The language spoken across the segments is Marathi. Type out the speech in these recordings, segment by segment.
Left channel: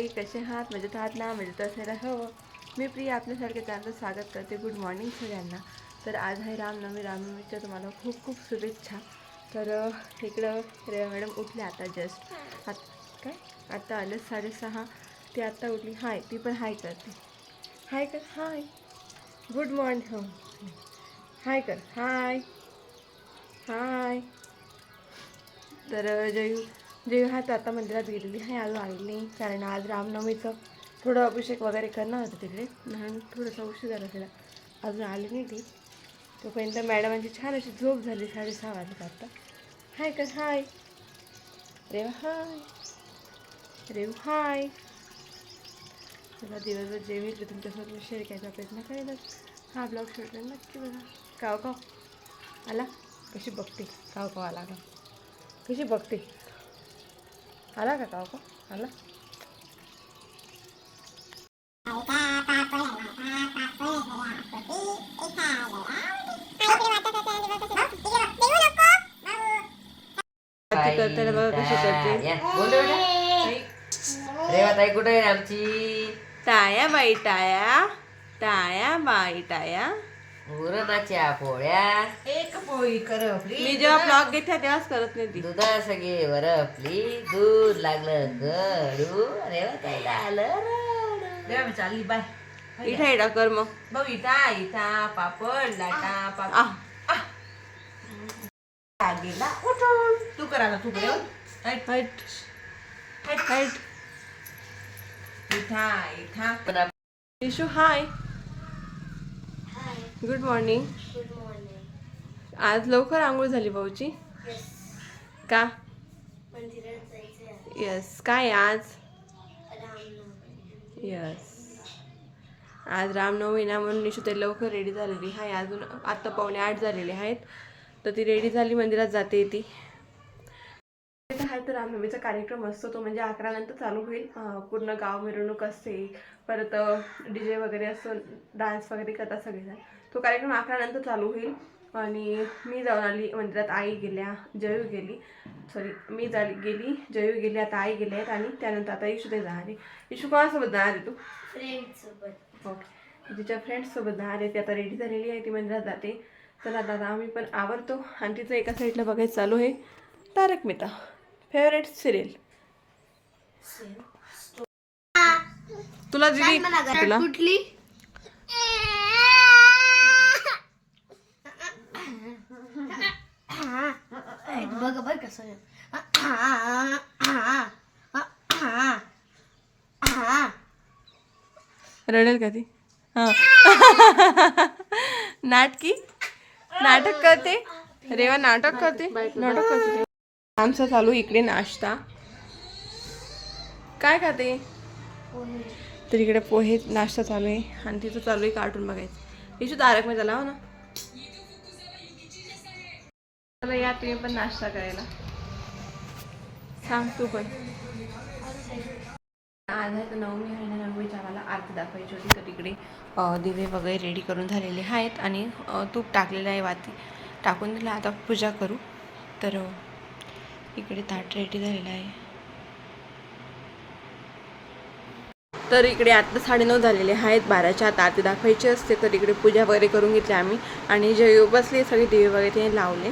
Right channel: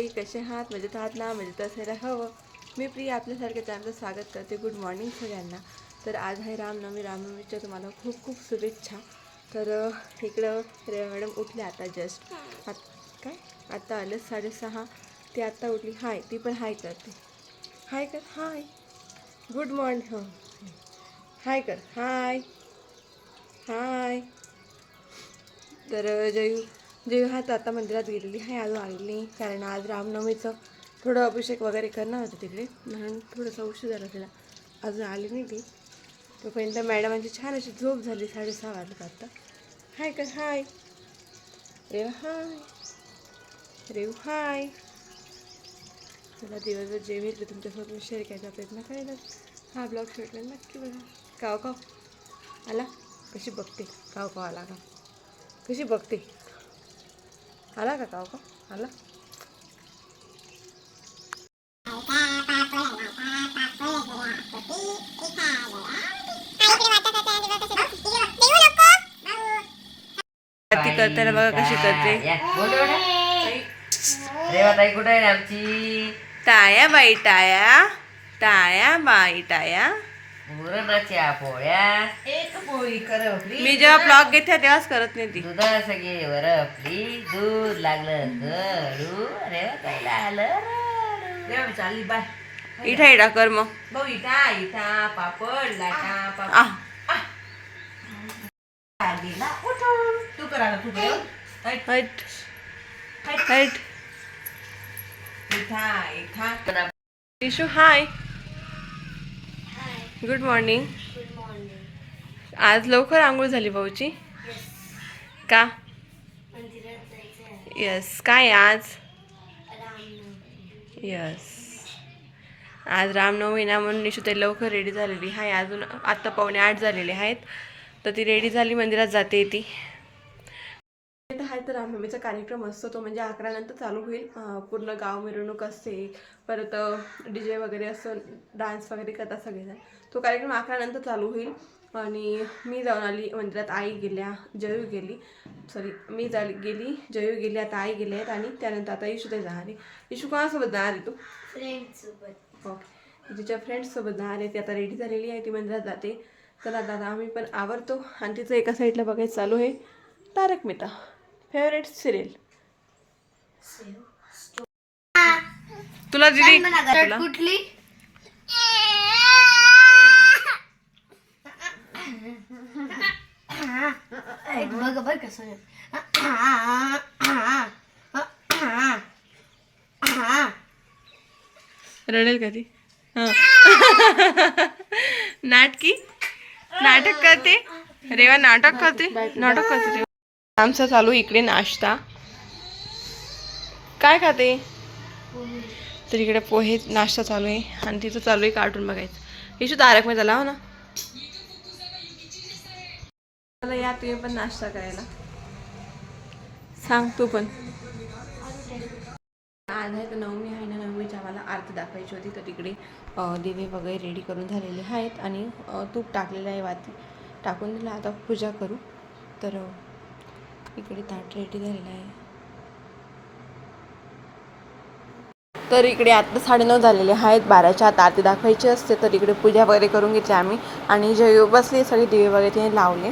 मंडळी कसे आहात मजेत आहात ना मजेत असायला हवं मी प्रिया आपल्यासारखे त्यांचं स्वागत करते गुड मॉर्निंग सगळ्यांना। तर आज आहे रामनवमी. रामनवमीच्या तुम्हाला खूप खूप शुभेच्छा. तर इकडं रेवा मॅडम उठल्या आता जस्ट आत काय? आता आलं साडेसहा. ती आत्ता उठली. हाय ती पण हाय करते. हाय कर हाय. गुड मॉर्निंग हो. हाय कर हाय. हाय. तर जयू जे हा आता मंदिरात गेलेली आहे अजून आलेली नाही. कारण आज रामनवमीचं थोडं अभिषेक वगैरे करणार होतं तिकडे. म्हणून थोडंसं उशीर झाला तिला अजून आली नाही ती. तोपर्यंत मॅडमांची छान अशी झोप झाली साडेसहा वाजता आता. हाय कर हाय? रे हाय. रेव हाय. चला दिवसभर जे भेटले तुमच्यासोबत मी शेअर करायचा प्रयत्न करेनच हा ब्लॉग शेवटला नक्की बघा. काव काव. आला? कशी बघते? काव काव आला का? कशी बघते? आला का काव काव आला ती करताना बघा कशी करते रेवाताई कुठे आहे आमची टाया बाई टाया टाया बाई टाया पुरणाच्या पोळ्या एक पोळी करपली मी जेव्हा ब्लॉग घेते तेव्हाच करत नाही ती. दुधा सगळे वरपली दूध लागलं गडू. रेवाताईला आलं रेवा चालली बाय. इठा इठा कर मग. भाऊ इटा इटा पापड लाटा आ पापड. गेला उठून. तू करा तू कर. हट. हट. इठा इठा. इशू हाय. गुड मॉर्निंग आज लवकर आंघोळ झाली भाऊची का? यस काय आज? यस आज रामनवमी ना म्हणून निशू ते लवकर रेडी झालेली. आहे अजून आत्ता पावणे आठ झालेले आहेत. तर ती रेडी झाली मंदिरात जाते ती. इथं आहे तर रामनवमीचा कार्यक्रम असतो तो म्हणजे अकरा नंतर चालू होईल. पूर्ण गाव मिरवणूक असते. परत डी जे वगैरे असं डान्स वगैरे करतात सगळेजण. तो कार्यक्रम अकरा नंतर चालू होईल. आणि मी जाऊन आली मंदिरात आई गेल्या जयू गेली. सॉरी मी झाली गेली जयू गेली आता आई गेले आहेत आणि त्यानंतर आता इशू ते जाणार आहे. इशू कोणासोबत जाणार आहे तू? ओके तिच्या फ्रेंड्ससोबत जाणार आहे ती आता रेडी झालेली आहे ती मंदिरात जाते. तर आता आता आम्ही पण आवरतो आणि तिचं एका साईडला बघायचं चालू आहे. तारक मेहता. फेवरेट सिरियल तुला दिदी तुला. कुठली? बघ बघ कसं रडेल कधी नाटकी? नाटक करते? रेवा नाटक करते? नाटक करते. रेवा. आमचा चालू इकडे नाश्ता. काय खाते? तर इकडे पोहे नाश्ता चालू आहे. आणि तिथं चालू आहे कार्टून बघायचं. इशू तारक त्याला हो ना? मला या तुम्ही पण नाश्ता करायला. सांग तू पण. आज आहे तर नवमी आहे ना नवमीच्या आम्हाला आरती दाखवायची होती. तर तिकडे दिवे वगैरे रेडी करून झालेले आहेत. आणि तूप टाकलेलं आहे वाती. टाकून दिला. आता पूजा करू. तर इकडे ताट रेडी झालेला आहे. तर इकडे आता साडेनऊ झालेले आहेत बाराच्या आत आरती दाखवायची असते तर इकडे पूजा वगैरे करून घेतली आम्ही. आणि जे बसली सगळे दिवे वगैरे ते लावले.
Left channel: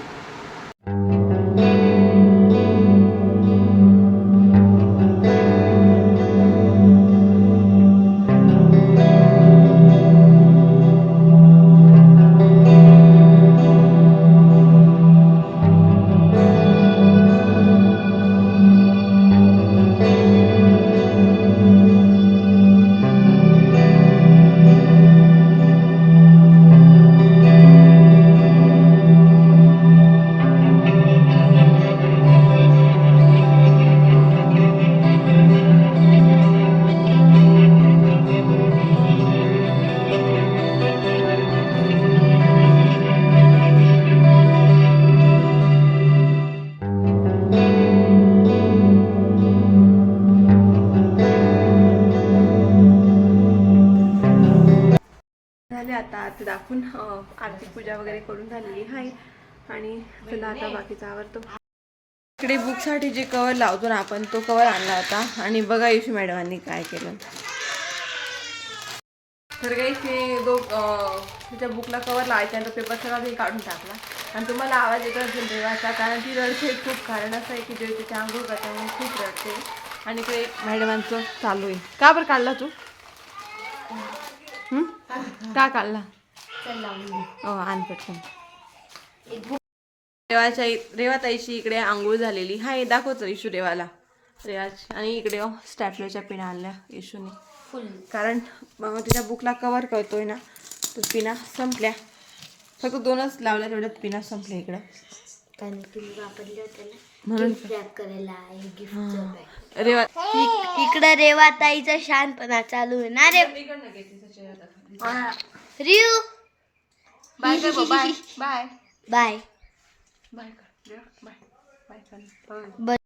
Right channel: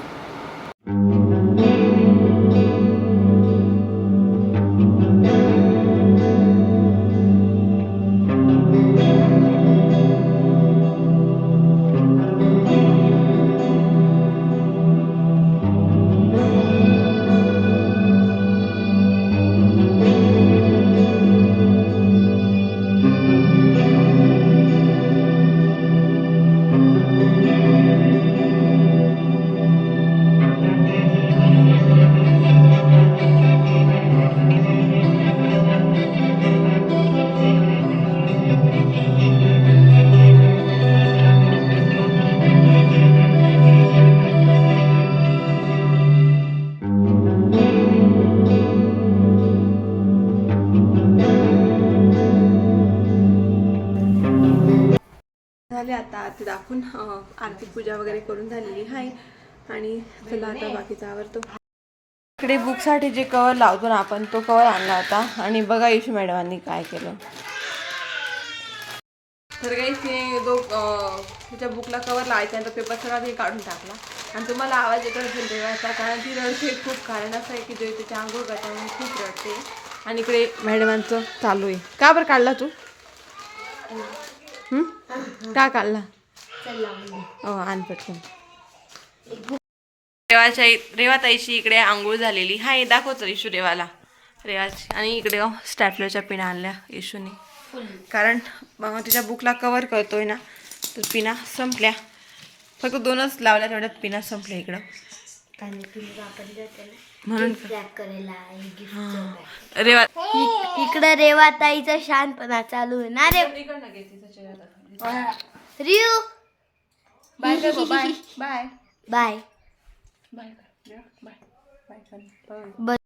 आता आत दाखवून आरती पूजा वगैरे करून झालेली आहे. आणि चला आता बाकीचा आवडतो इकडे बुकसाठी जे कवर लावतो ना आपण तो कवर आणला होता. आणि बघा यशू मॅडमांनी काय केलं. तर काही तिने दो तिच्या बुकला कवर लावायचा आणि तो पेपर सगळा ते काढून टाकला. आणि तुम्हाला आवाज येत असेल देवाचा कारण ती रडते खूप. कारण असं आहे की जे तिच्या आंघोळ करते म्हणून खूप रडते. आणि इकडे मॅडमांचं चालू आहे. का बरं काढला तू? का काढला? आण पटकन. रेवाच्या रेवाताईची इकडे आंघोळ झालेली. हा हे दाखवतो इशू रेवाला. रेवाची. आणि इकडे स्टॅपलरच्या पिना आणल्या इशूने. कारण तिच्या बुकला कवर करतोय ना तर पिना संपल्या. फक्त दोनच लावल्या तेवढ्यात पिना संपल्या इकडं. म्हणून हे. रेवा इकडे रेवाताईचा शांतपणा चालू आहे ना रे. রিউ বাই করবো বাই বাই বাই বাই কর বাই বাই কর